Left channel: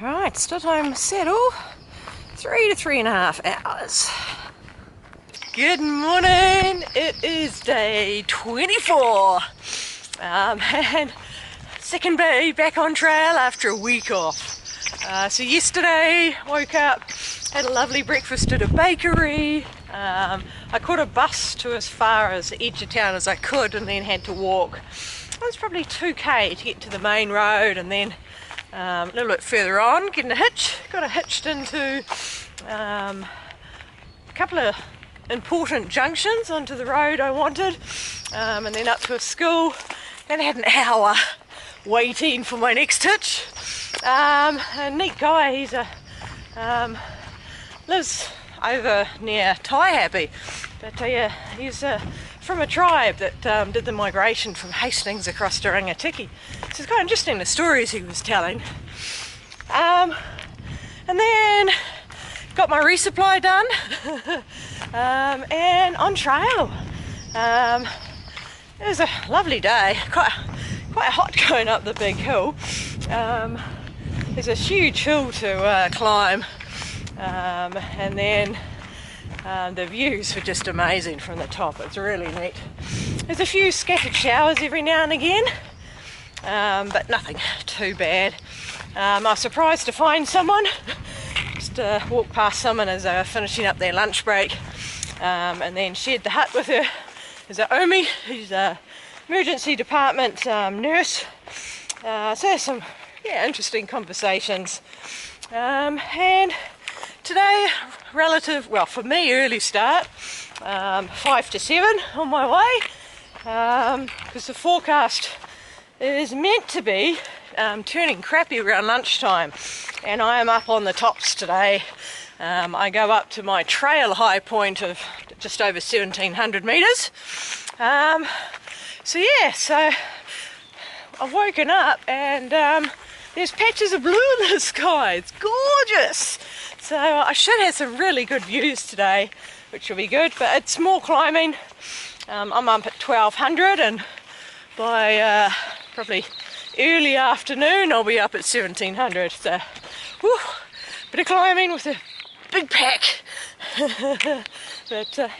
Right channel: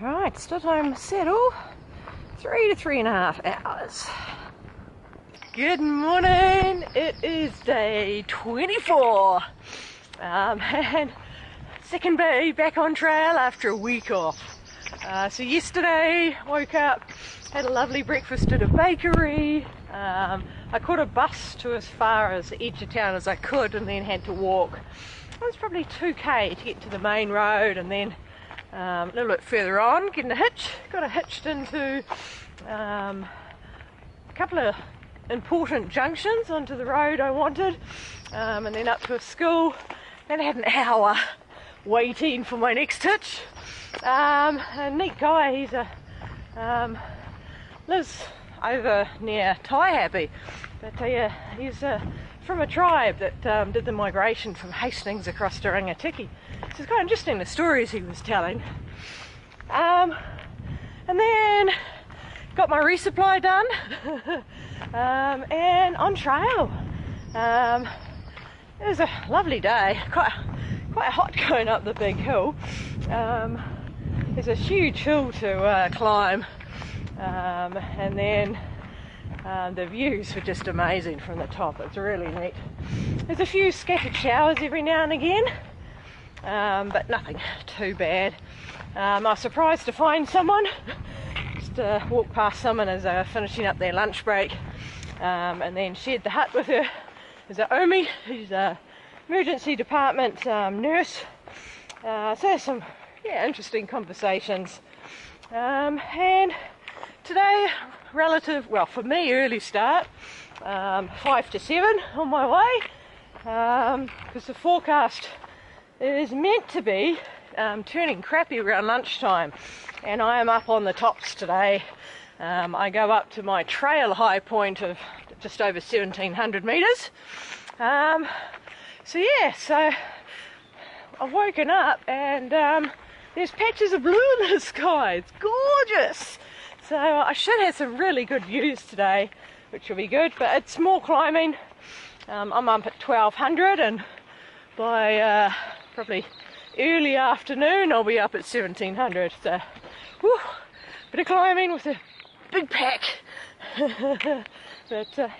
Right, still time to settle. 3 to 3.5 hours. Good morning. It is day 24. And second day back on trail after a week off. So yesterday, woke up, had a lovely breakfast at a bakery. I caught a bus to as far as the edge of town as I could and then had to walk. It was probably 2k to get to the main road, and then a little bit further on, getting a hitch. Got hitched into a couple of important junctions onto the road I wanted, and then up to a school, and I had an hour waiting for my next hitch. A neat guy, he's lives over near Taihape, but he's from a tribe that did the migration from Hastings across to Rangatiki. So it's quite interesting, the stories he was telling. And then got my resupply done and on trail. It was a lovely day, quite hot going up the big hill. There's a huge hill to climb, and then the views were just amazing from the top. It's really neat. There's a few scattered showers every now and again, but nothing too bad. I was surprised to find someone. Just walked past someone as they were finishing up their lunch break, and then shared the hut with her. There's a Omi, who's a emergency department nurse. So some interesting conversations. And today, well for me, early start, 5 to 7 on my way, because the forecast is meant to be turning crappy around lunchtime, and I am up on the tops today. I go up to my trail high point of just over 1,700 metres. So I've woken up and there's patches of blue in the sky. It's gorgeous. So I should have some really good views today, which will be good, but it's more climbing. I'm up at 1,200, and by probably early afternoon I'll be up at 1,700. So bit of climbing with a big pack. But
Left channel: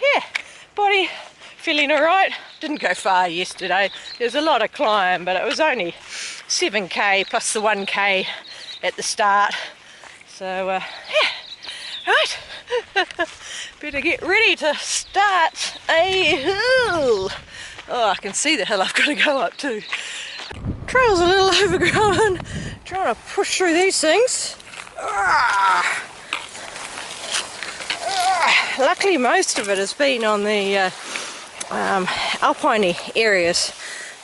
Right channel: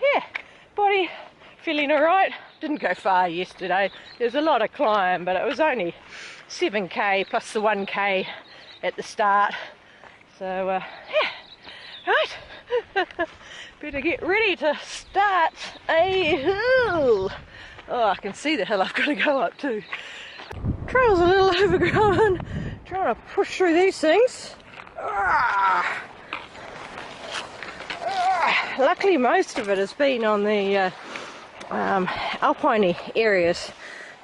body feeling alright. Didn't go far yesterday. There's a lot of climb, but it was only 7k plus the 1k at the start. So right. Better get ready to start a hill. Oh, I can see the hill I've got to go up to. Trail's a little overgrown. Trying to push through these things. Luckily most of it has been on the alpine areas,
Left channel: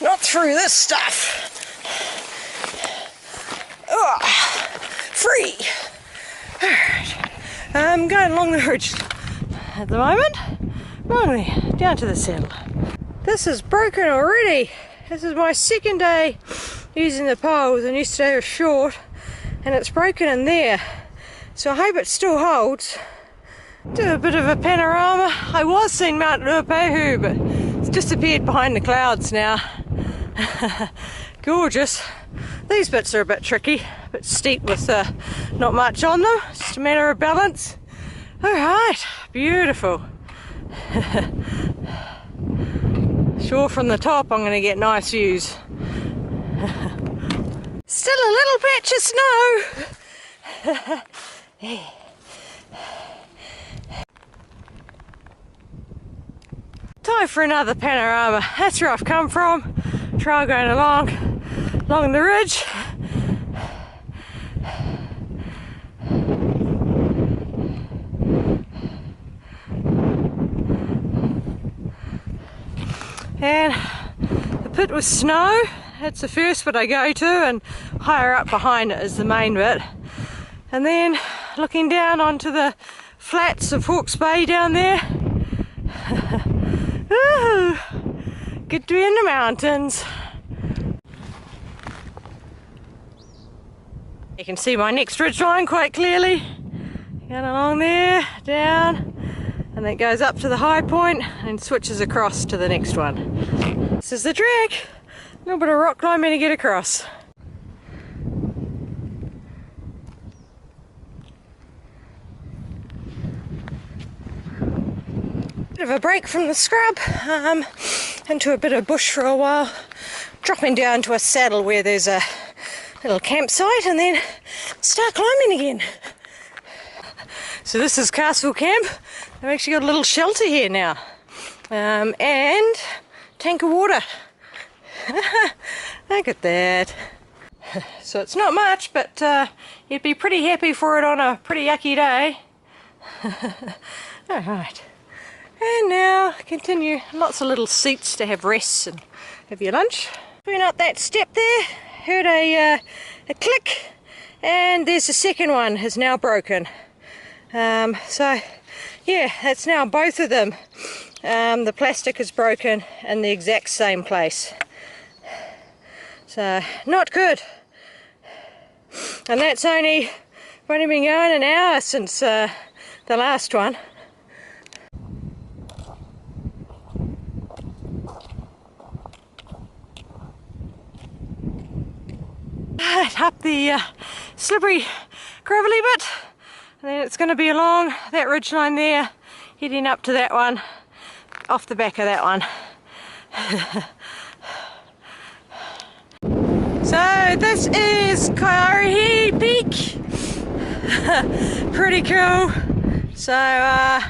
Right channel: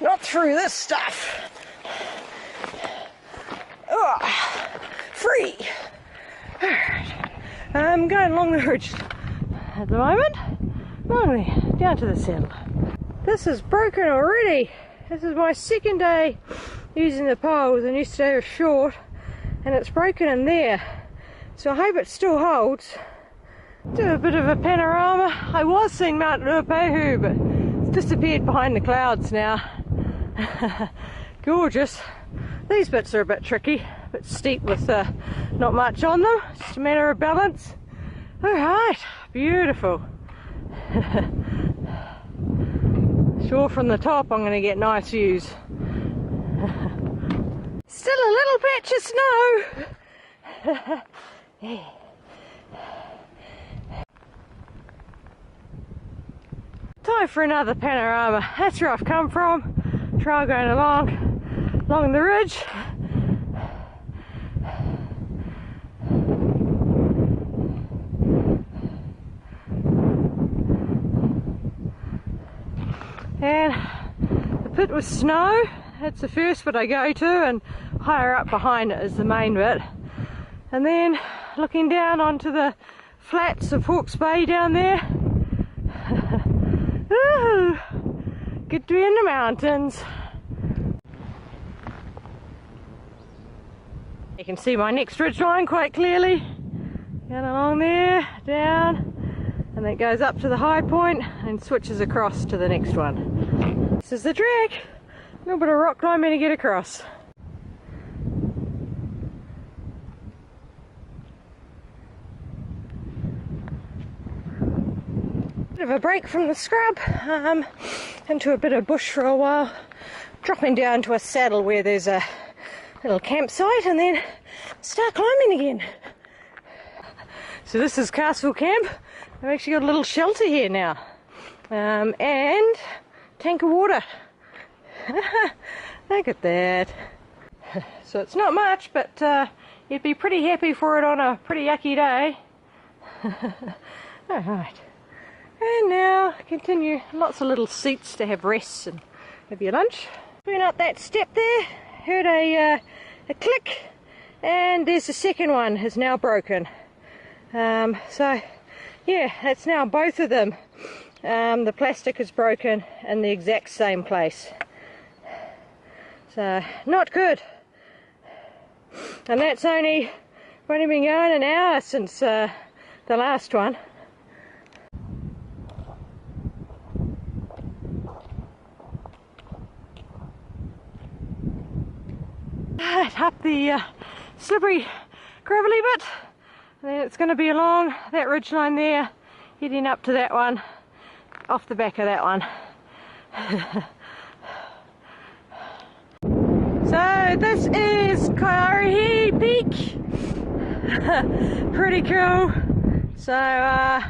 not through this stuff. Free. Alright. I'm going along the ridge at the moment, down to the saddle. This is broken already. This is my second day using the poles, and yesterday was short and it's broken in there. So I hope it still holds. Do a bit of a panorama. I was seeing Mount Ruapehu, but it's disappeared behind the clouds now. Gorgeous. These bits are a bit tricky, a bit steep with not much on them. It's just a matter of balance. Alright, beautiful. Sure, from the top I'm going to get nice views. Still a little patch of snow. Yeah. Time for another panorama. That's where I've come from. Trail going along the ridge. And the pit with snow. That's the first bit I go to, and higher up behind it is the main bit. And then looking down onto the flats of Hawke's Bay down there. Ooh, good to be in the mountains. You can see my next ridge line quite clearly. Going along there, down, and it goes up to the high point and switches across to the next one. This is the track. A little bit of rock climbing to get across. Bit of a break from the scrub, into a bit of bush for a while, dropping down to a saddle where there's a little campsite, and then start climbing again. So this is Castle Camp. They've actually got a little shelter here now, and tank of water. Look at that. So it's not much, but you'd be pretty happy for it on a pretty yucky day. Alright, and now continue. Lots of little seats to have rests and have your lunch. Went up that step there, heard a click, and there's the second one has now broken. So yeah, that's now both of them. The plastic is broken in the exact same place. So not good. And that's only been going an hour since the last one. Up the slippery gravelly bit, and then it's going to be along that ridge line there, heading up to that one, off the back of that one. So this is Kaiarihi Peak. Pretty cool. So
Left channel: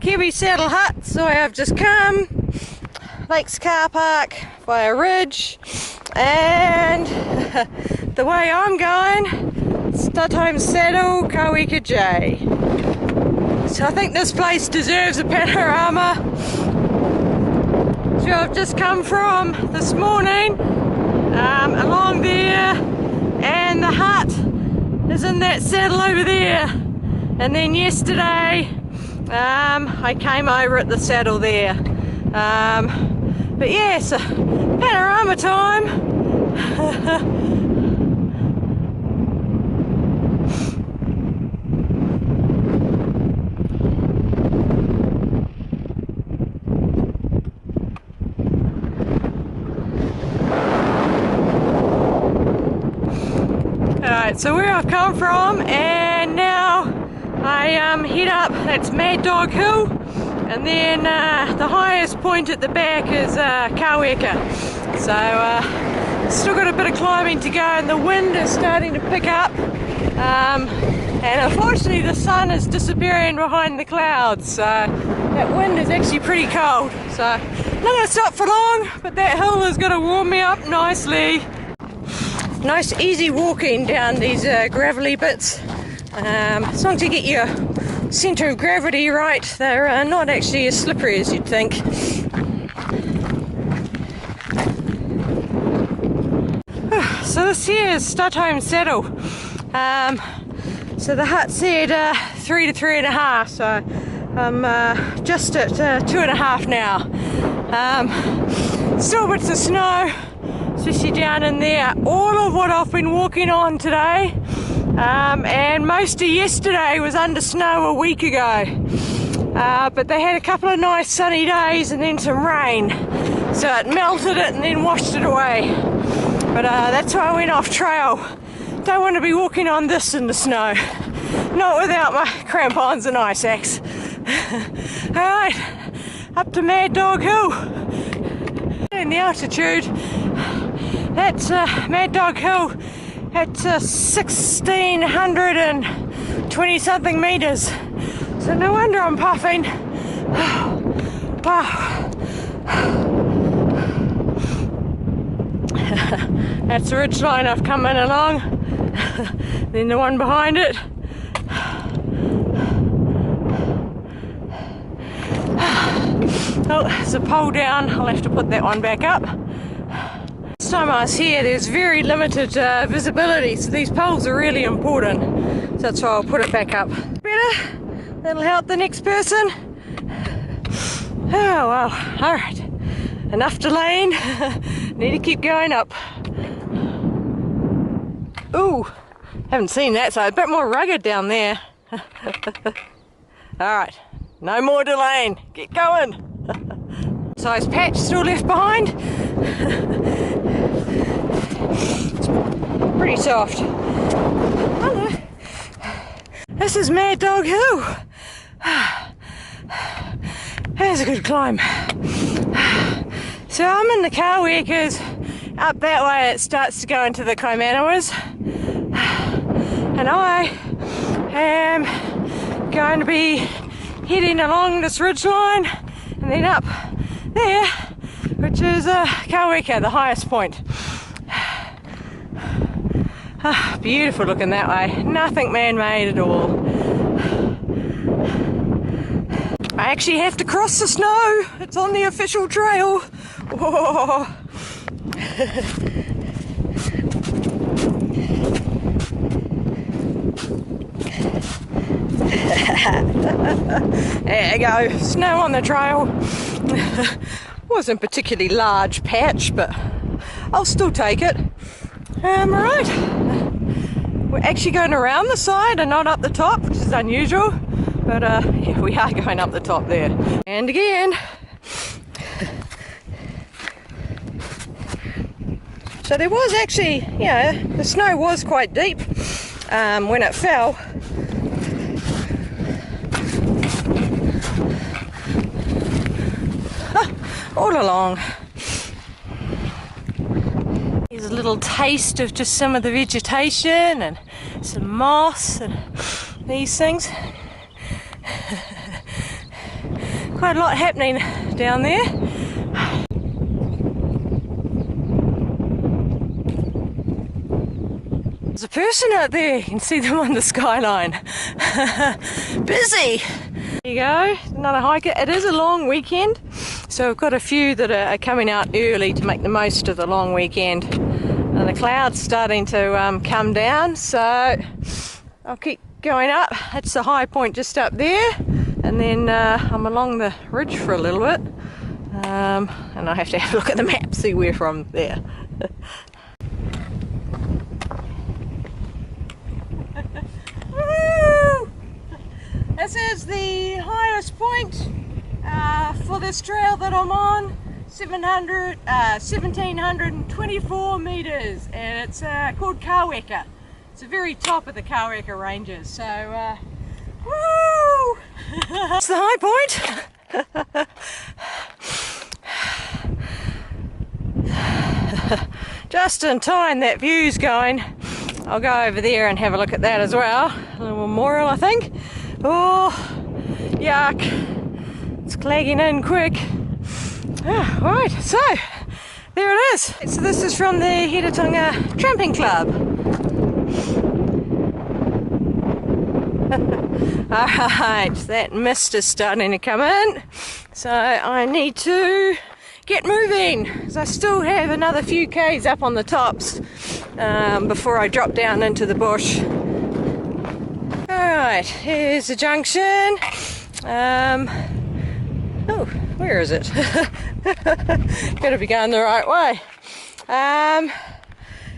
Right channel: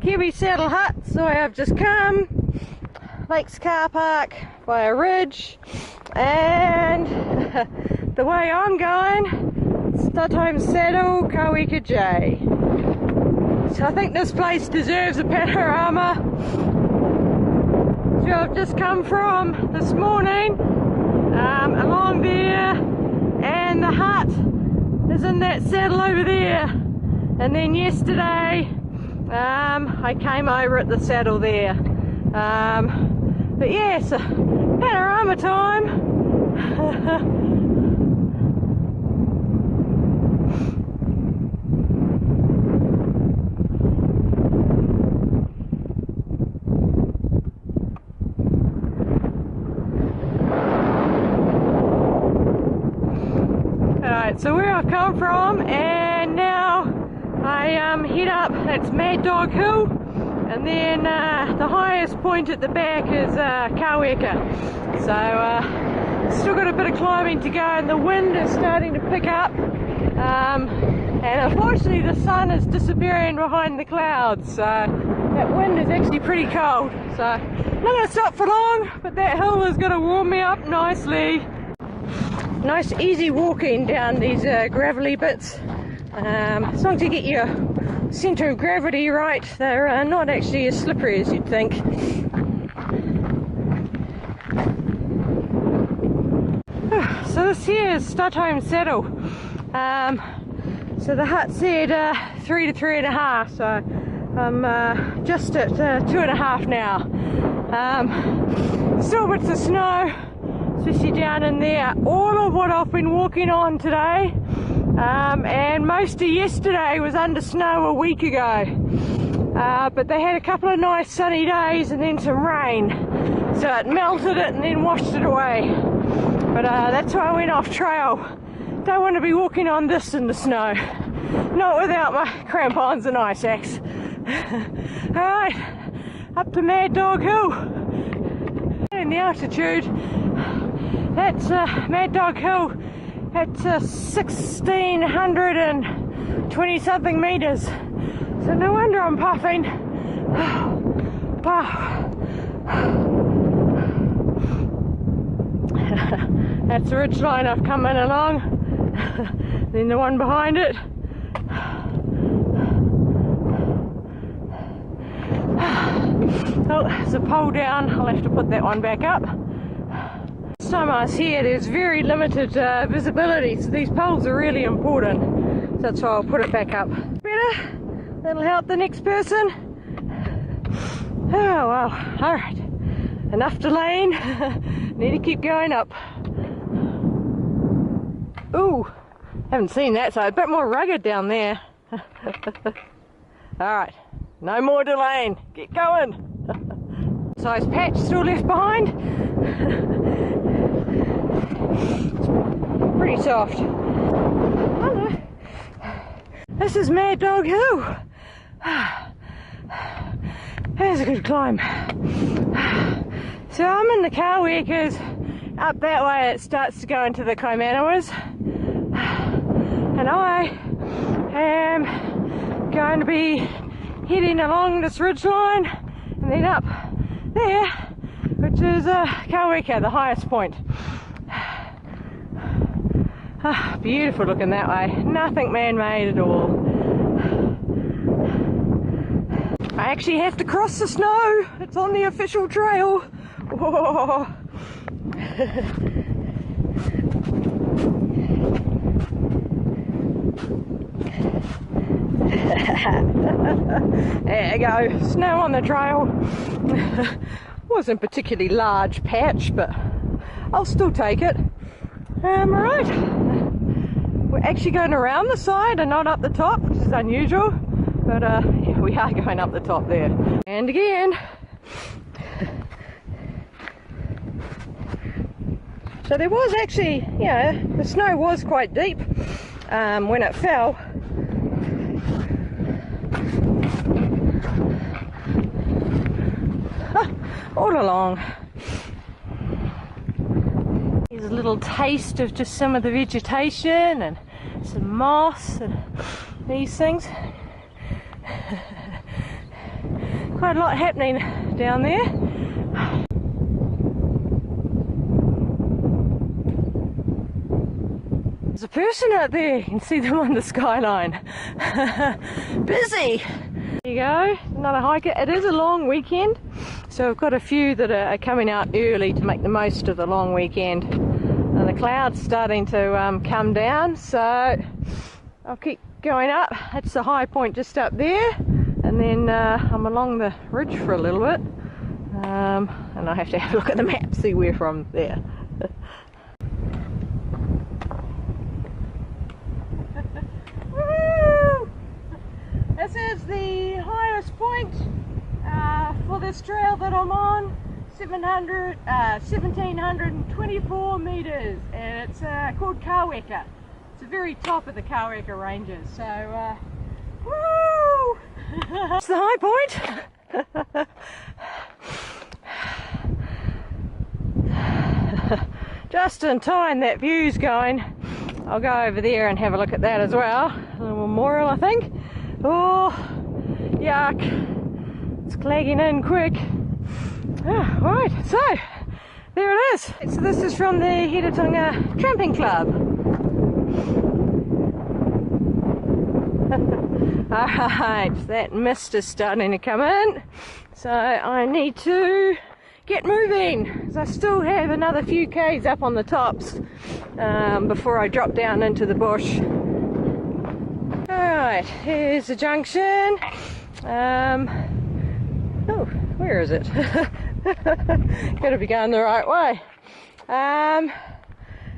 Kiwi Saddle Hut, so I've just come. Lakes Car Park by a ridge, and the way I'm going, Studholme Saddle, Kawika J. So I think this place deserves a panorama. So I've just come from this morning, along there, and the hut is in that saddle over there. And then yesterday, I came over at the saddle there. But yes, panorama time. Alright, so where I've come from, and now I head up, that's Mad Dog Hill, and then the highest point at the back is Kaweka. So still got a bit of climbing to go, and the wind is starting to pick up, and unfortunately the sun is disappearing behind the clouds, so that wind is actually pretty cold. So not going to stop for long, but that hill is going to warm me up nicely. Nice easy walking down these gravelly bits. As long as you get your centre of gravity right, they're not actually as slippery as you'd think. So this here is Studholme Saddle. So the hut said 3 to 3.5, so I'm just at 2.5 now. Still bits of snow, especially down in there. All of what I've been walking on today, and most of yesterday was under snow a week ago. But they had a couple of nice sunny days and then some rain, so it melted it and then washed it away. But that's why I went off trail. Don't want to be walking on this in the snow, not without my crampons and ice axe. Alright, up to Mad Dog Hill. And the altitude, that's Mad Dog Hill at 1,620 something metres. So no wonder I'm puffing. Wow. That's the ridge line I've come in along. Then the one behind it. Oh, there's a pole down. I'll have to put that one back up. Last time I was here, there's very limited visibility, so these poles are really important. So that's why I'll put it back up. Better? That'll help the next person. Oh well, alright. Enough delaying. Need to keep going up. Ooh, haven't seen that, so a bit more rugged down there. Alright, no more delaying. Get going. Size patch still left behind. It's pretty soft. Hello. This is Mad Dog Hill. That's a good climb. So I'm in the Kawekas. Up that way it starts to go into the Kaimanawas. And I am going to be heading along this ridge line and then up there, which is Kaweka, the highest point. Beautiful looking that way, nothing man-made at all. I actually have to cross the snow, it's on the official trail. Whoa. There you go, snow on the trail. Wasn't a particularly large patch, but I'll still take it. Right, we're actually going around the side and not up the top, which is unusual, but yeah, we are going up the top there. And again. So there was actually, you know, the snow was quite deep when it fell. All along. Here's a little taste of just some of the vegetation and some moss and these things. Quite a lot happening down there. There's a person out there, you can see them on the skyline. Busy! There you go, another hiker. It is a long weekend, so we've got a few that are coming out early to make the most of the long weekend. And the clouds starting to come down, so I'll keep going up. That's the high point just up there, and then I'm along the ridge for a little bit. And I have to have a look at the map, see where from there. This is the highest point for this trail that I'm on, 1724 metres, and it's called Kaweka. It's the very top of the Kaweka ranges, so woo! It's the high point. Just in time, that view's going. I'll go over there and have a look at that as well. A little memorial, I think. Oh, yuck. It's clagging in quick. Oh, right, so there it is. So this is from the Hiratonga Tramping Club. Alright, that mist is starting to come in. So I need to get moving, because I still have another few k's up on the tops before I drop down into the bush. Alright, here's the junction. Oh, where is it? Gotta be going the right way.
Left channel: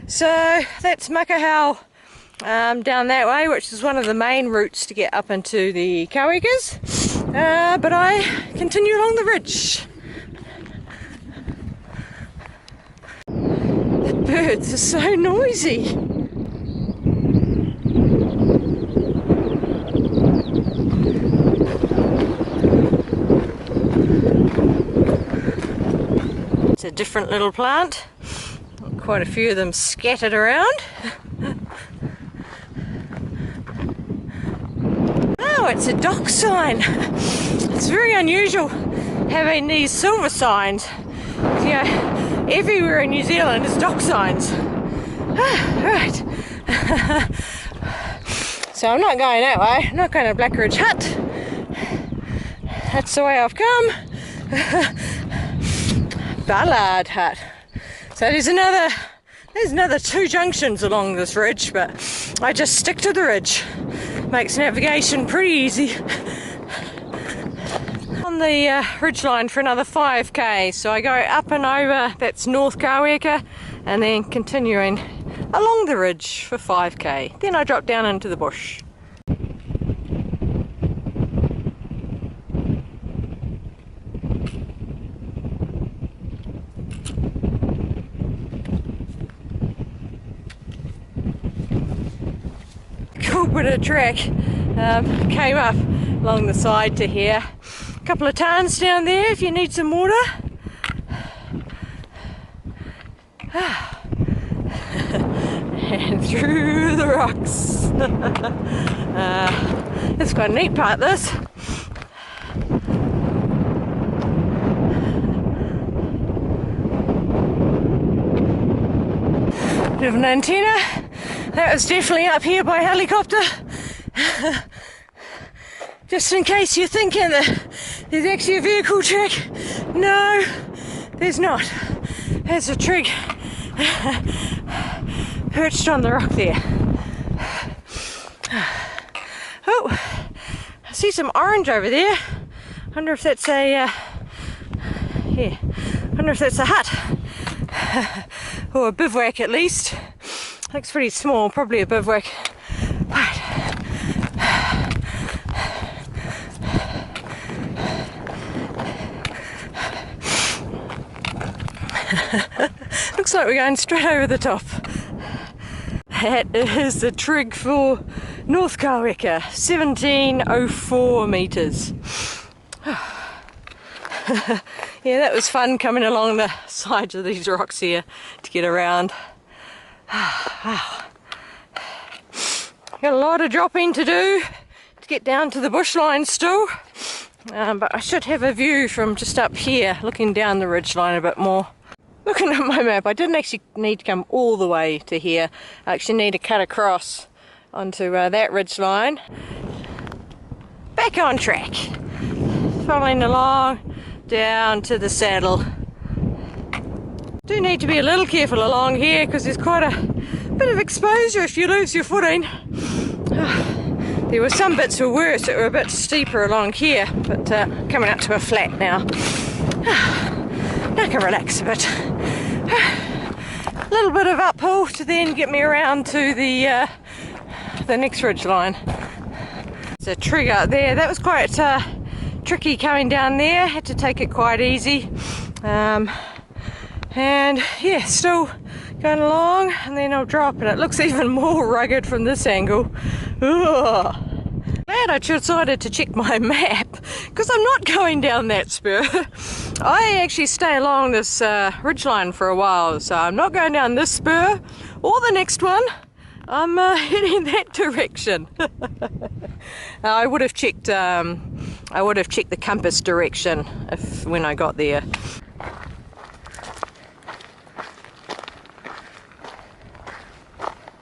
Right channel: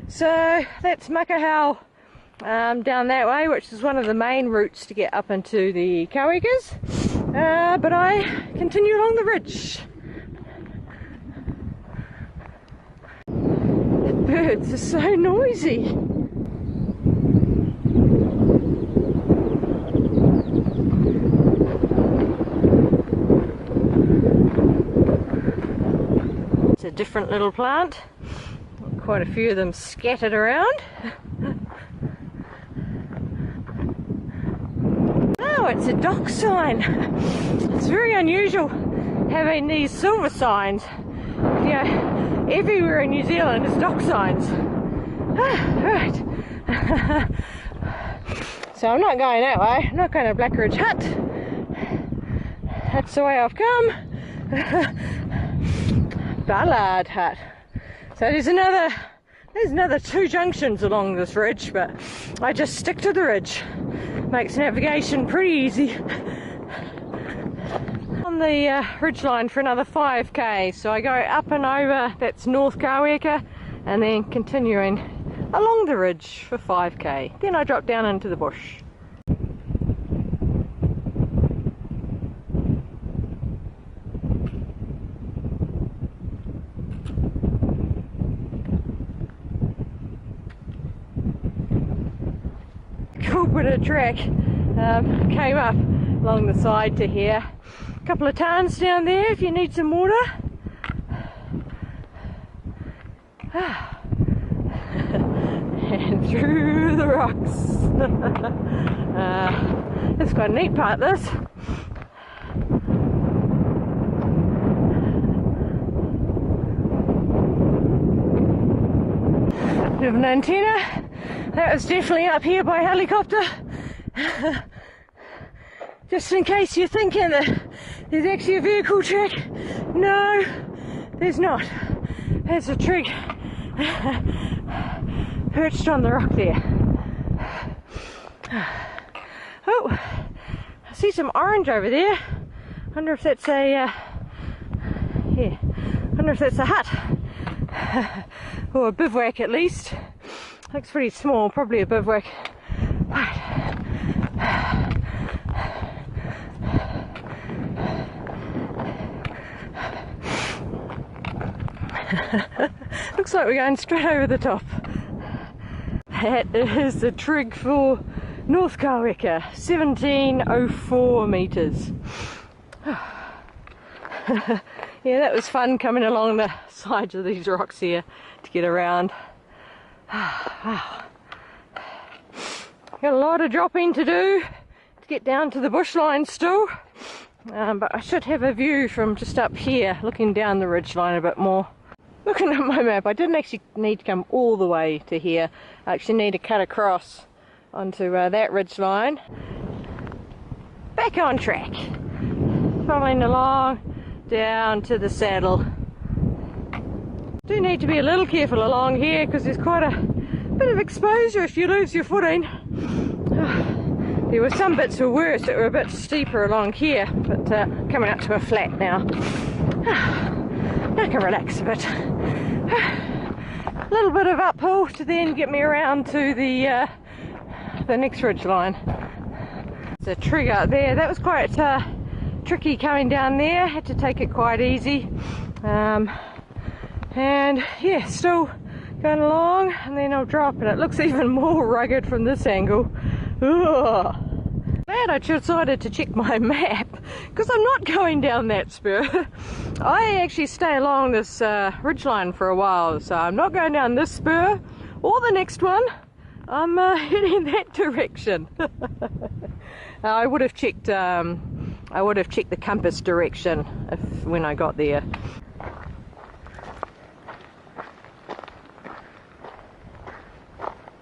So that's Makahau down that way, which is one of the main routes to get up into the Kawekas. But I continue along the ridge. The birds are so noisy. It's a different little plant. Quite a few of them scattered around. Oh, it's a dock sign. It's very unusual having these silver signs. You know, everywhere in New Zealand is dock signs. Right. So I'm not going that way. I'm not going to Black Ridge Hut. That's the way I've come. Ballard Hut. So there's another two junctions along this ridge, but I just stick to the ridge. Makes navigation pretty easy. On the ridge line for another 5k, so I go up and over, that's North Kaweka, and then continuing along the ridge for 5k. Then I drop down into the bush. Cool bit of track. Came up along the side to here. couple of tarns down there if you need some water. And through the rocks. It's quite a neat part, this. Bit of an antenna. That was definitely up here by helicopter. Just in case you're thinking that there's actually a vehicle track. No, there's not. There's a trig perched on the rock there. Oh, I see some orange over there. I wonder if that's a, yeah, I wonder if that's a hut. Or a bivouac at least. Looks pretty small, probably a bivouac. Right. Looks like we're going straight over the top. That is the trig for North Kaweka, 1704 metres. Yeah, that was fun coming along the sides of these rocks here to get around. Wow. Got a lot of dropping to do to get down to the bushline still, but I should have a view from just up here looking down the ridgeline a bit more. Looking at my map, I didn't actually need to come all the way to here. I actually need to cut across onto that ridgeline. Back on track, following along down to the saddle. Do need to be a little careful along here because there's quite a bit of exposure if you lose your footing. There were some bits were worse that were a bit steeper along here, but coming up to a flat now. Now I can relax a bit. A little bit of uphill to then get me around to the next ridge line. There's a trig out there. That was quite tricky coming down there. Had to take it quite easy. And yeah, still going along, and then I'll drop, and it looks even more rugged from this angle. Ugh. Glad I decided to check my map, because I'm not going down that spur. I actually stay along this ridgeline for a while, so I'm not going down this spur or the next one. I'm heading that direction. I would have checked the compass direction when I got there.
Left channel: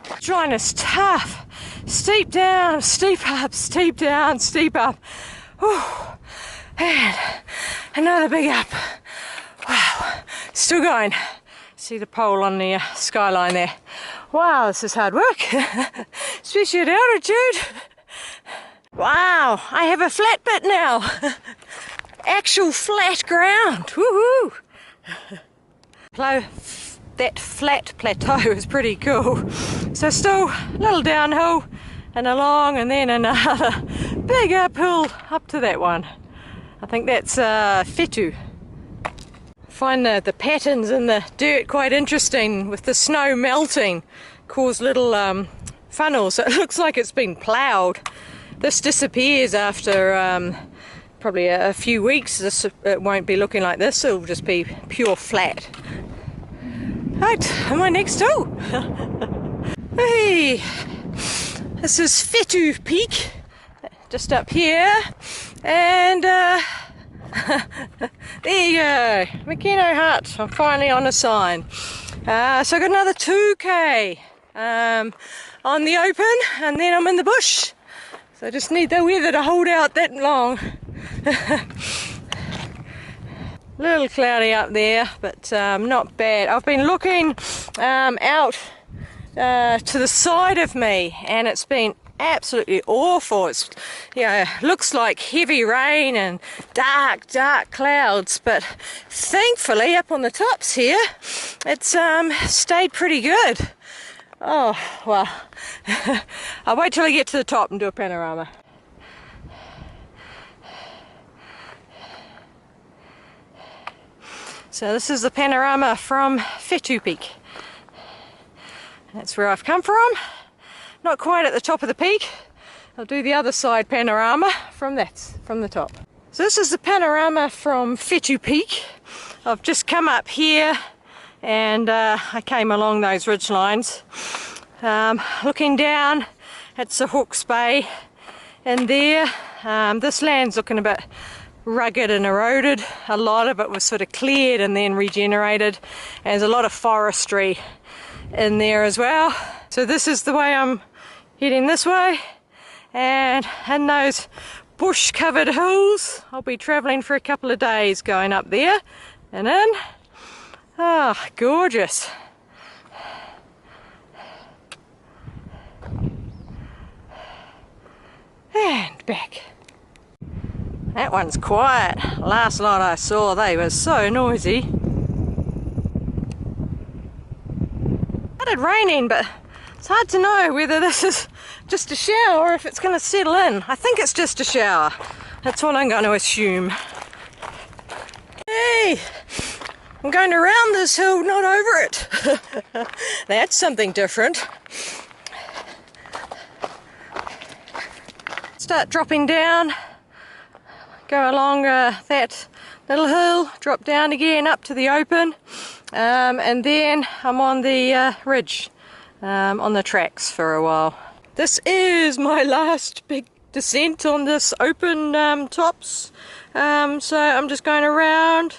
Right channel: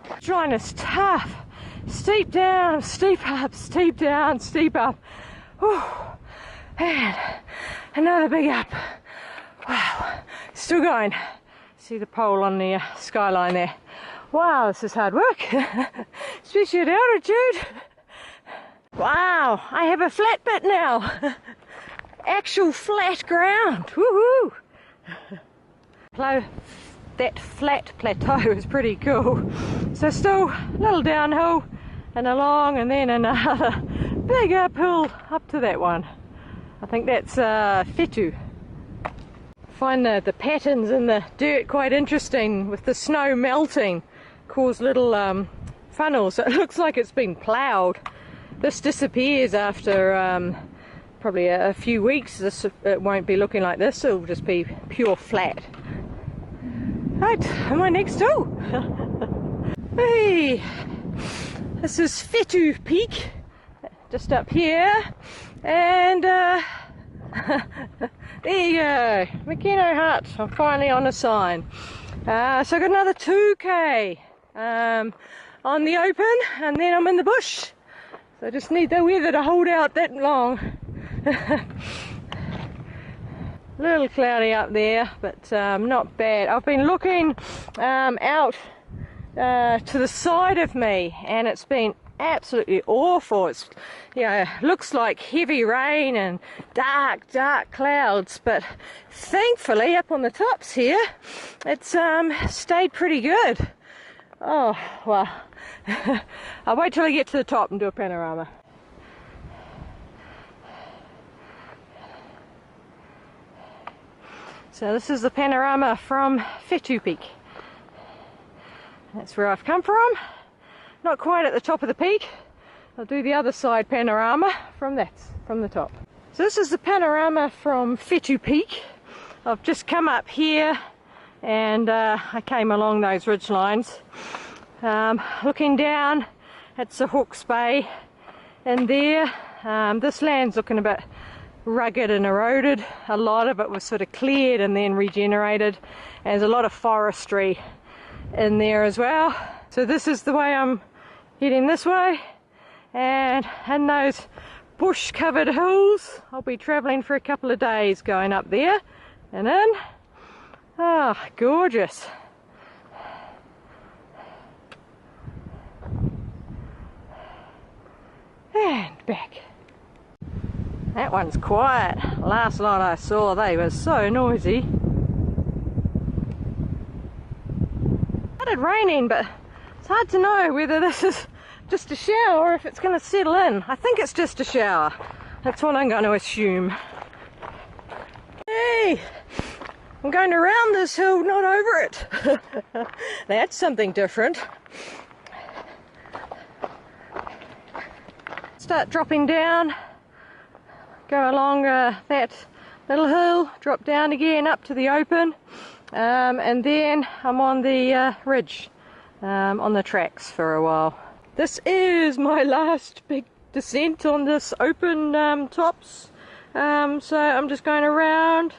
Ridgeline is tough. Steep down, steep up, steep down, steep up. Whew. And another big up. Wow, still going. See the pole on the skyline there. Wow, this is hard work, especially at altitude. Wow, I have a flat bit now. Actual flat ground. Woohoo! That flat plateau is pretty cool. So still a little downhill and along, and then another big uphill up to that one. I think that's Thru. I find the patterns in the dirt quite interesting with the snow melting. Cause little funnels, so it looks like it's been ploughed. This disappears after probably a few weeks. It won't be looking like this, it'll just be pure flat. Right, am I next hole? Hey, this is Thru Peak, just up here, and there you go, Makino Hut. I'm finally on a sign. So I got another 2k on the open, and then I'm in the bush. So I just need the weather to hold out that long. Little cloudy up there, but not bad. I've been looking out to the side of me, and it's been absolutely awful. It's, you know, looks like heavy rain and dark clouds, but thankfully up on the tops here it's stayed pretty good. Oh well. I'll wait till I get to the top and do a panorama. So this is the panorama from Thru Peak. That's where I've come from. Not quite at the top of the peak. I'll do the other side panorama from the top. So this is the panorama from Thru Peak. I've just come up here and I came along those ridge lines. Looking down at the Hawke's Bay and there, this land's looking a bit rugged and eroded. A lot of it was sort of cleared and then regenerated. And there's a lot of forestry in there as well. So this is the way I'm heading this way, and in those bush covered hills I'll be travelling for a couple of days going up there and in. Oh, gorgeous. And back. That one's quiet. Last lot I saw they were so noisy. It started raining, but it's hard to know whether this is just a shower or if it's going to settle in. I think it's just a shower. That's what I'm going to assume. Hey! I'm going around this hill, not over it. That's something different. Start dropping down. Go along that little hill, drop down again up to the open, and then I'm on the ridge, on the tracks for a while. This is my last big descent on this open tops, so I'm just going around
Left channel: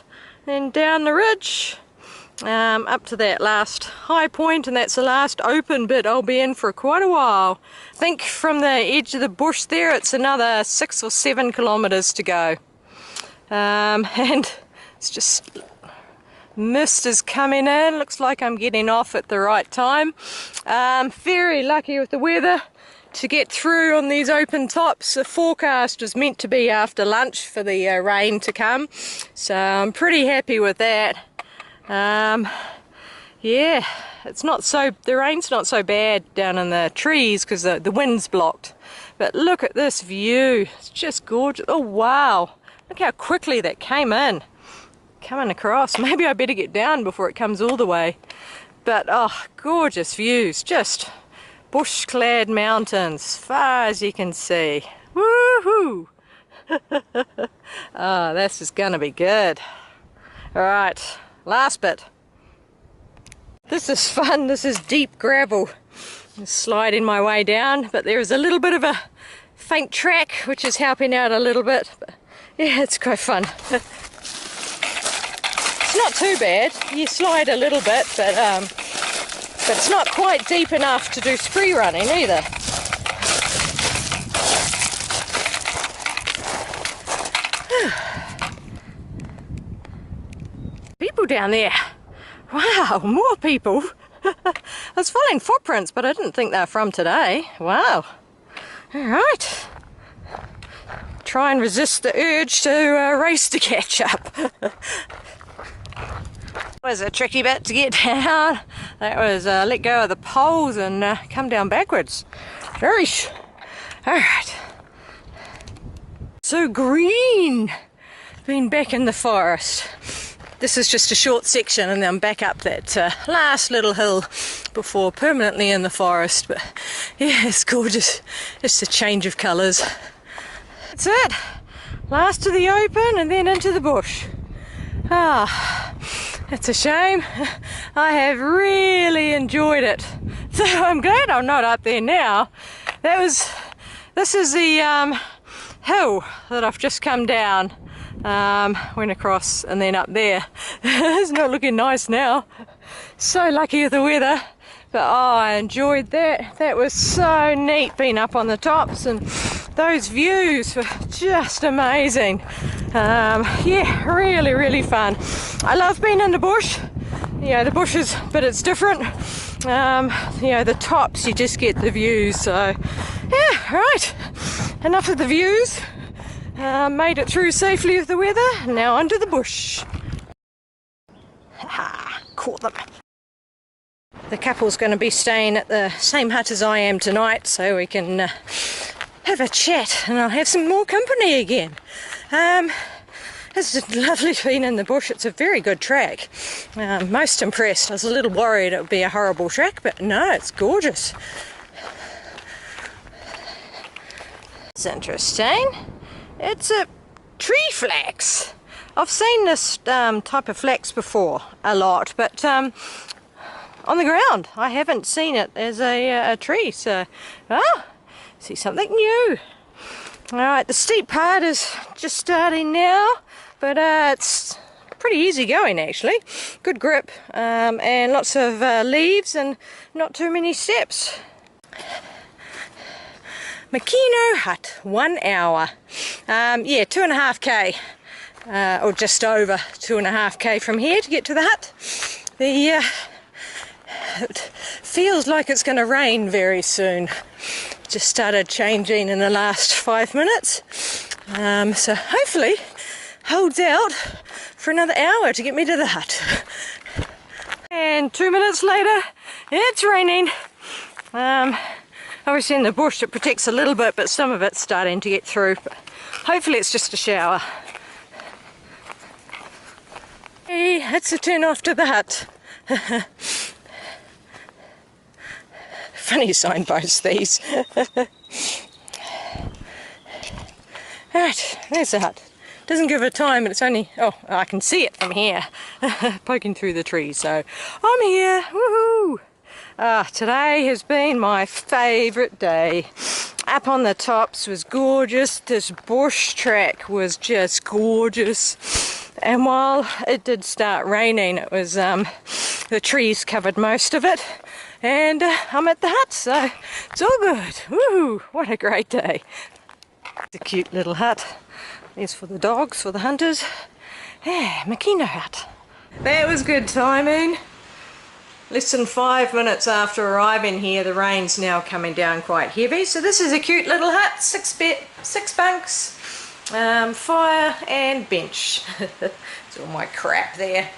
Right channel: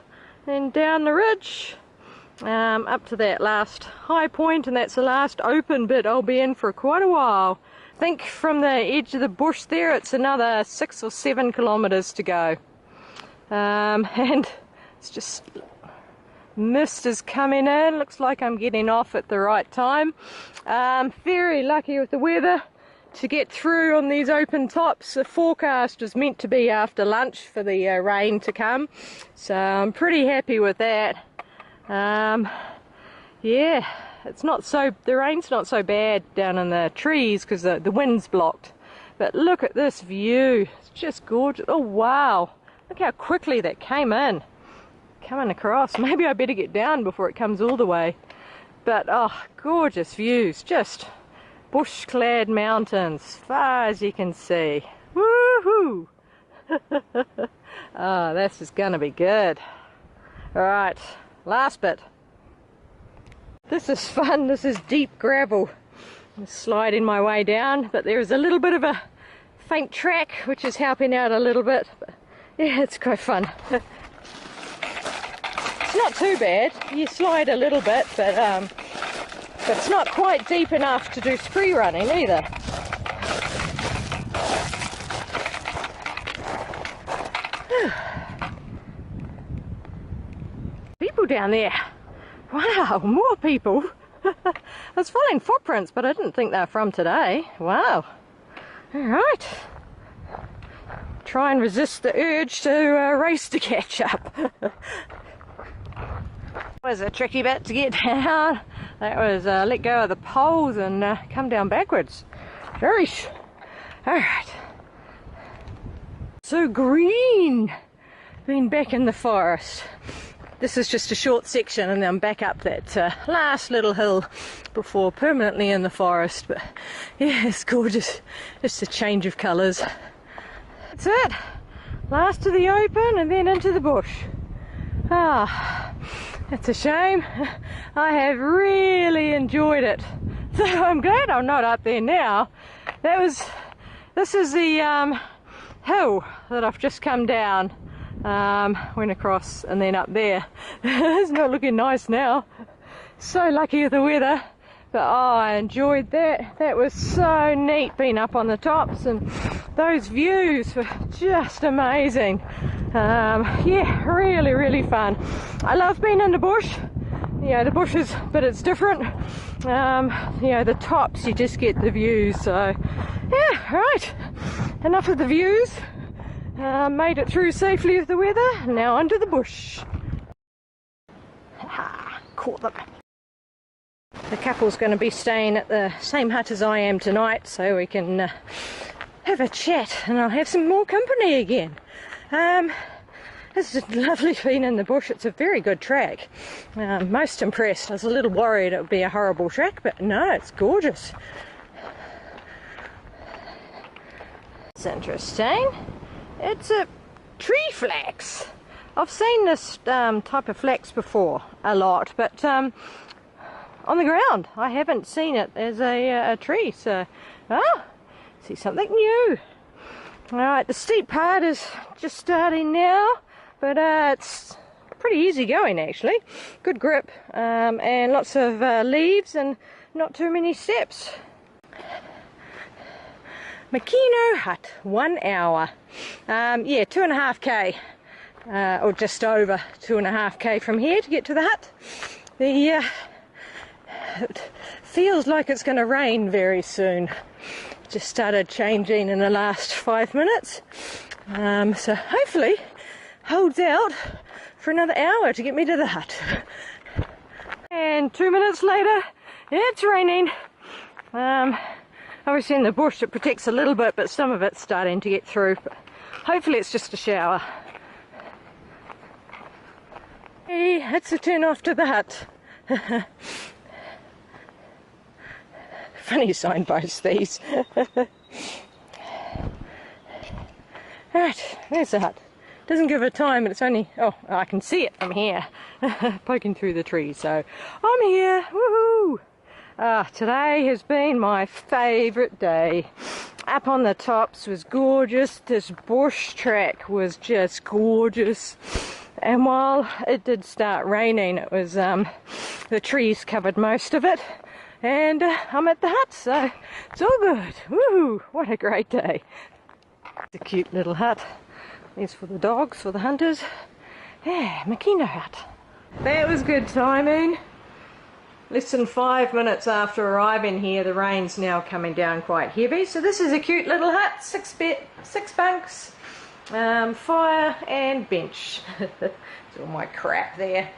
and down the ridge up to that last high point, and that's the last open bit I'll be in for quite a while. I think from the edge of the bush there it's another 6 or 7 kilometres to go, and it's just mist is coming in. Looks like I'm getting off at the right time. Very lucky with the weather to get through on these open tops. The forecast was meant to be after lunch for the rain to come, so I'm pretty happy with that. Yeah, it's not so, the rain's not so bad down in the trees because the wind's blocked, but look at this view. It's just gorgeous. Oh wow, look how quickly that came in, coming across. Maybe I better get down before it comes all the way, but oh, gorgeous views. Just bush-clad mountains, as far as you can see. Woohoo! Oh, this is gonna be good. Alright, last bit. This is fun. This is deep gravel. I'm sliding my way down, but there is a little bit of a faint track which is helping out a little bit. But yeah, it's quite fun. It's not too bad. You slide a little bit, but it's not quite deep enough to do spree running either. People down there. Wow, more people. I was following footprints, but I didn't think they were from today. Wow. Alright. Try and resist the urge to race to catch up. That was a tricky bit to get down. That was let go of the poles and come down backwards. Alright. So green. Been back in the forest. This is just a short section and then I'm back up that last little hill before permanently in the forest. But yeah, it's gorgeous. Just a change of colours. That's it. Last to the open and then into the bush. Ah, it's a shame. I have really enjoyed it. So I'm glad I'm not up there now. This is the hill that I've just come down. Went across and then up there. It's not looking nice now. So lucky with the weather, but oh, I enjoyed that. That was so neat being up on the tops, and those views were just amazing. Yeah, really fun. I love being in the bush. Yeah, the bushes, but it's different. You know, the tops, you just get the views. So yeah, right, enough of the views. Made it through safely with the weather. Now onto the bush. Ha! Caught them. The couple's going to be staying at the same hut as I am tonight, so we can have a chat, and I'll have some more company again. It's lovely being in the bush. It's a very good track. Most impressed. I was a little worried it would be a horrible track, but no, it's gorgeous. It's interesting. It's a tree flax. I've seen this type of flax before a lot, but on the ground I haven't seen it as a tree, so see something new. Alright, the steep part is just starting now, but it's pretty easy going actually. Good grip, and lots of leaves and not too many steps. Makino Hut, 1 hour. Yeah, 2.5k, or just over 2.5k from here to get to the hut. It feels like it's going to rain very soon. Just started changing in the last 5 minutes, so hopefully holds out for another hour to get me to the hut. And 2 minutes later, it's raining. Obviously in the bush it protects a little bit, but some of it's starting to get through. But hopefully it's just a shower. Hey, it's a turn off to the hut. Funny signposts these. Right, there's the hut. Doesn't give a time, but it's only, oh, I can see it from here, poking through the trees, so I'm here, woohoo! Today has been my favourite day. Up on the tops was gorgeous, this bush track was just gorgeous, and while it did start raining, it was, the trees covered most of it, and I'm at the hut, so it's all good. Woohoo! What a great day. It's a cute little hut. There's for the dogs, for the hunters. Yeah, Makino Hut. That was good timing. Less than 5 minutes after arriving here, the rain's now coming down quite heavy. So this is a cute little hut, 6 bunks, fire and bench. It's all my crap there.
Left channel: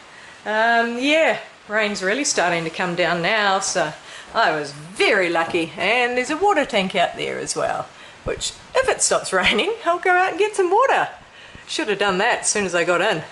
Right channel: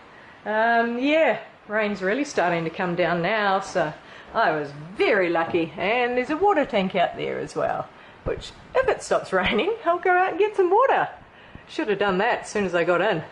Yeah, rain's really starting to come down now, so I was very lucky. And there's a water tank out there as well, which if it stops raining, I'll go out and get some water. Should have done that as soon as I got in.